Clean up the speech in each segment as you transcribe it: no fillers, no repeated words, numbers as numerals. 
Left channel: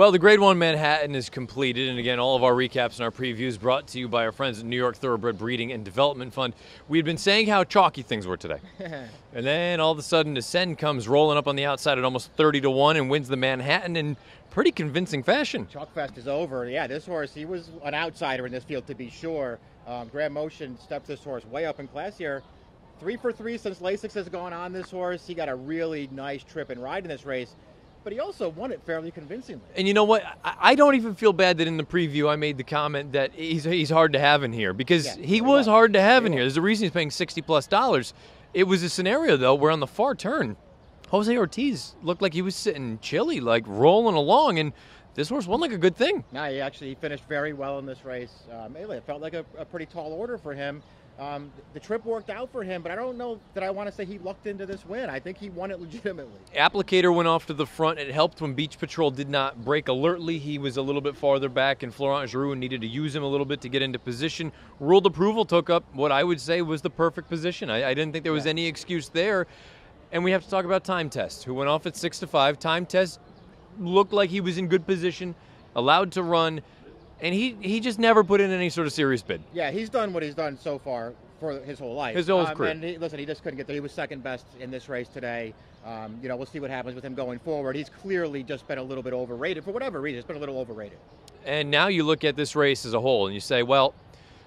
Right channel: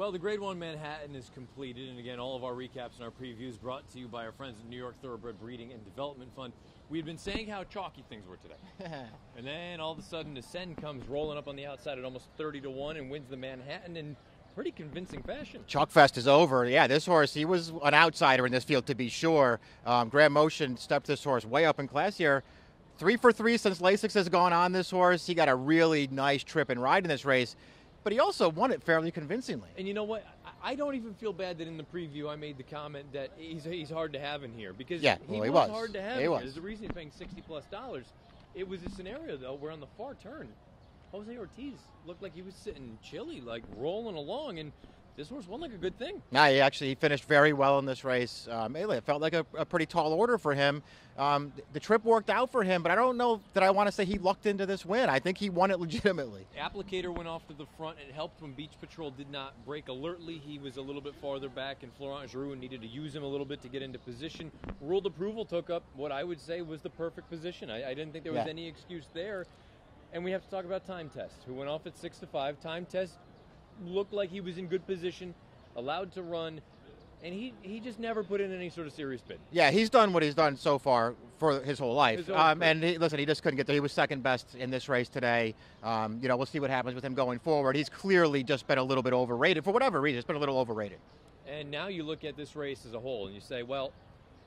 Well, the Grade 1 Manhattan is completed, and again, all of our recaps and our previews brought to you by our friends at New York Thoroughbred Breeding and Development Fund. We had been saying how chalky things were today. And then all of a sudden, Ascend comes rolling up on the outside at almost 30-1 and wins the Manhattan in pretty convincing fashion. Chalk Fest is over. Yeah, this horse, he was an outsider in this field to be sure. Grand Motion stepped this horse way up in class here. 3 for 3 since Lasix has gone on this horse. He got a really nice trip and ride in this race, but he also won it fairly convincingly. And you know what? I don't even feel bad that in the preview I made the comment that he's hard to have in here, because he was hard to have in here. There's a reason he's paying $60+. It was a scenario, though, where on the far turn, Jose Ortiz looked like he was sitting chilly, like rolling along, and this horse won like a good thing. Yeah, he actually finished very well in this race. It felt like a pretty tall order for him. The trip worked out for him, but I don't know that I want to say he lucked into this win. I think he won it legitimately. Applicator went off to the front. It helped when Beach Patrol did not break alertly. He was a little bit farther back, and Florent Giroux needed to use him a little bit to get into position. Ruled Approval took up what I would say was the perfect position. I didn't think there was any excuse there. And we have to talk about Time Test, who went off at 6-5. Time Test looked like he was in good position, allowed to run, and he just never put in any sort of serious bid. Yeah, he's done what he's done so far for his whole life. His whole career. And listen, he just couldn't get there. He was second best in this race today. We'll see what happens with him going forward. He's clearly just been a little bit overrated. For whatever reason, it's been a little overrated. And now you look at this race as a whole, and you say, well,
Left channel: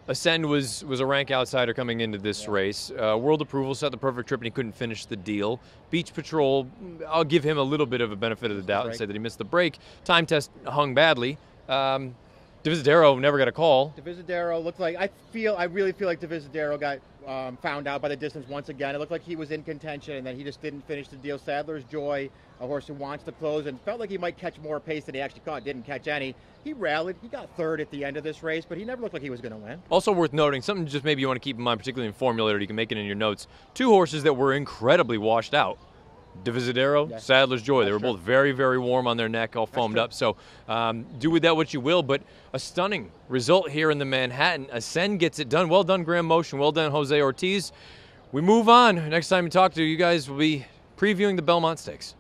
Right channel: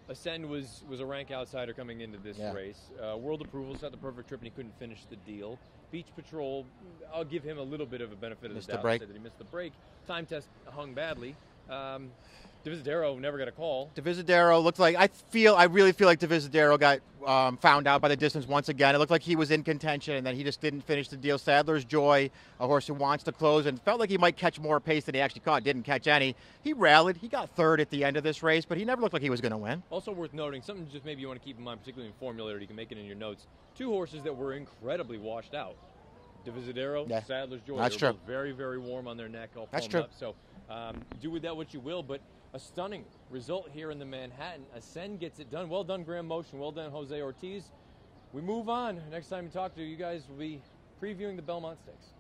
Ascend was a rank outsider coming into this race. World Approval set the perfect trip, and he couldn't finish the deal. Beach Patrol, I'll give him a little bit of a benefit of the doubt and say that he missed the break. Time Test hung badly. Divisadero never got a call. Divisadero looked like, I really feel like Divisadero got found out by the distance once again. It looked like he was in contention, and then he just didn't finish the deal. Sadler's Joy, a horse who wants to close, and felt like he might catch more pace than he actually caught. Didn't catch any. He rallied. He got third at the end of this race, but he never looked like he was going to win. Also worth noting, something just maybe you want to keep in mind, particularly in formulator, you can make it in your notes. 2 horses that were incredibly washed out. Divisadero, Sadler's Joy. They were both very, very warm on their neck, all foamed up. So do with that what you will, but a stunning result here in the Manhattan. Ascend gets it done. Well done, Grand Motion. Well done, Jose Ortiz. We move on. Next time we talk to you guys, we'll be previewing the Belmont Stakes.